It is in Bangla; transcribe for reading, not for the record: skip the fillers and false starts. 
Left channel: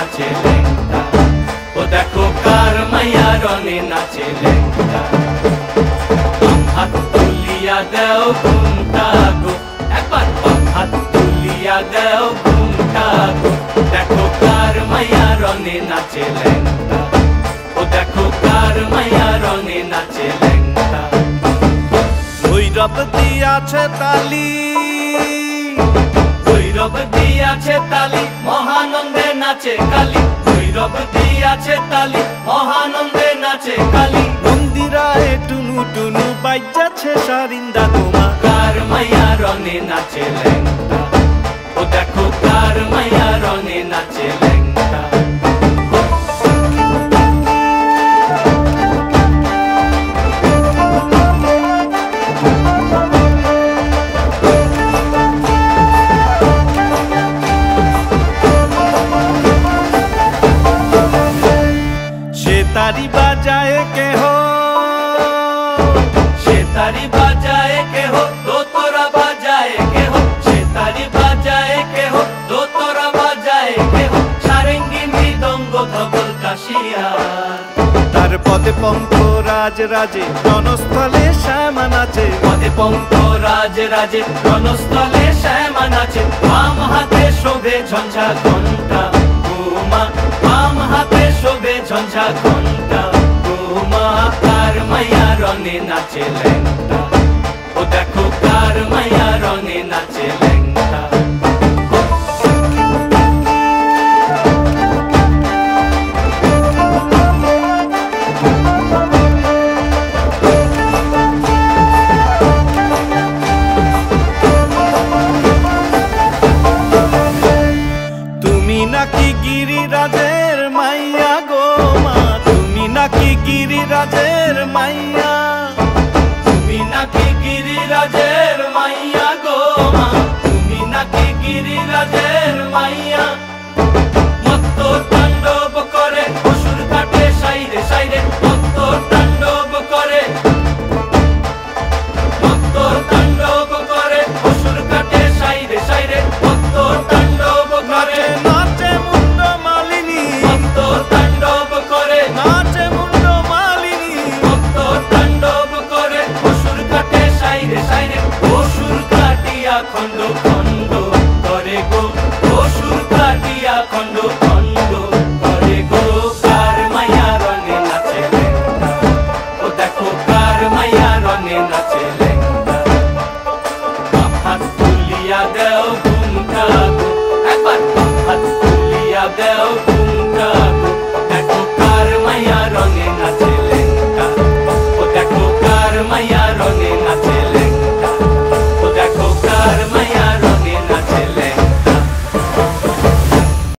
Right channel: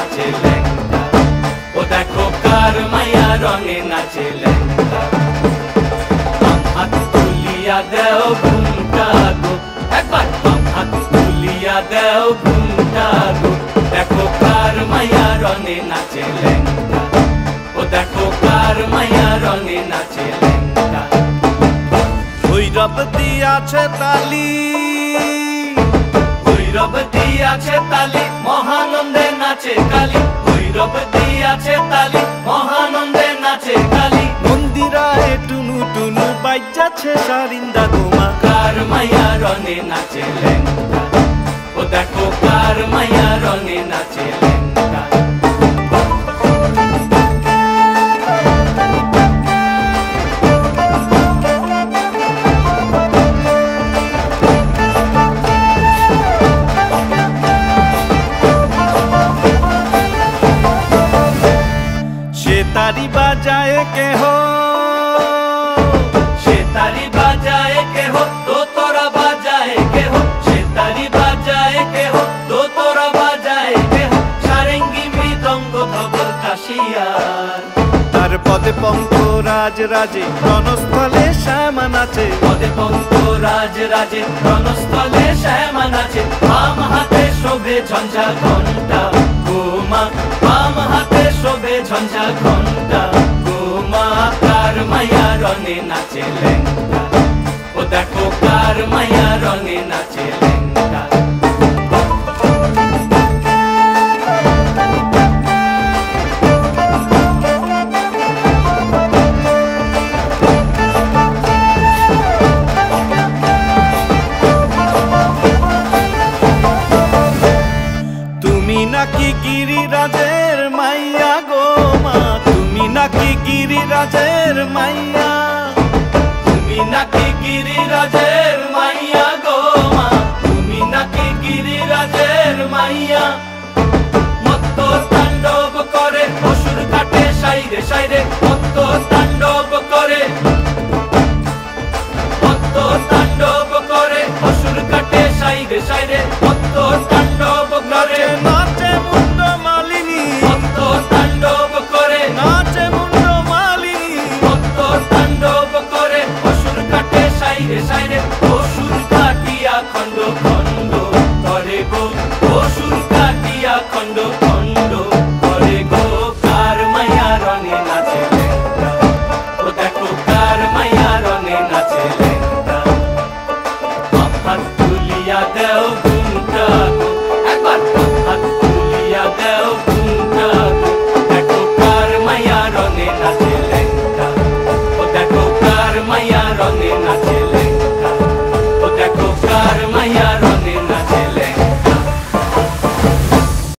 নাচে ল্যাংটা। ও দেখো কার মাইয়া রঙে নাচে ল্যাংটা। বাম হাত তুলিয়া দেও ঘুমটা গো, একবার বাম হাত তুলিয়া দেও ঘুমটা গো। দেখো কার মাইয়া রঙে নাচে ল্যাংটা। ও দেখো কার মাইয়া রঙে নাচে ল্যাংটা। ভৈরব দিয়াছে তালি, ভৈরব দিয়াছে তালি, মহানন্দে নাচে কালী। ভৈরব দিয়াছে তালি, মহানন্দে নাচে কালী। মন্দিরায় টুনু টুনু বাজ্যাছে সারিন্দা গোমা। কার মাইয়া রঙে নাচে ল্যাংটা। ও দেখো কার মাইয়া রঙে নাচে ল্যাংটা। তারি বাজায় কেহ, সে তারি বাজায় কেহ, দোতরা বাজায় কেহ। সে তারি বাজায় কেহ, দোতরা বাজায় কেহ। সারেঙ্গি মৃদঙ্গ ধবল কাশিয়ার। তার পদে পঙ্ক রাজ রাজে রণস্থলে শ্যামা নাচে। পদে পঙ্ক রাজ রাজে রণস্থলে শ্যামা নাচে। বাম হাতে শোভে ঝঞ্ঝা ঘণ্টা গোমা। বাম হাতে শোভে ঝঞ্ঝা ঘণ্টা গোমা। কার মাইয়া রঙে নাচে ল্যাংটা। ও দেখো কার মাইয়া রঙে নাচে ল্যাংটা। তুমি নাকি গিরিরাজের মাইয়া গো মা, তুমি নাকি গিরিরাজের মাইয়া। তুমি নাকি গিরিরাজের মাইয়া গো মা। তুমি নাকি গিরিরাজের মাইয়া। মত্ত তাণ্ডব করে অসুর কাটে সাইরে সাইরে। মত্ত তাণ্ডব করে, মত্ত তাণ্ডব করে অসুর কাটে সাইরে সাইরে। মত্ত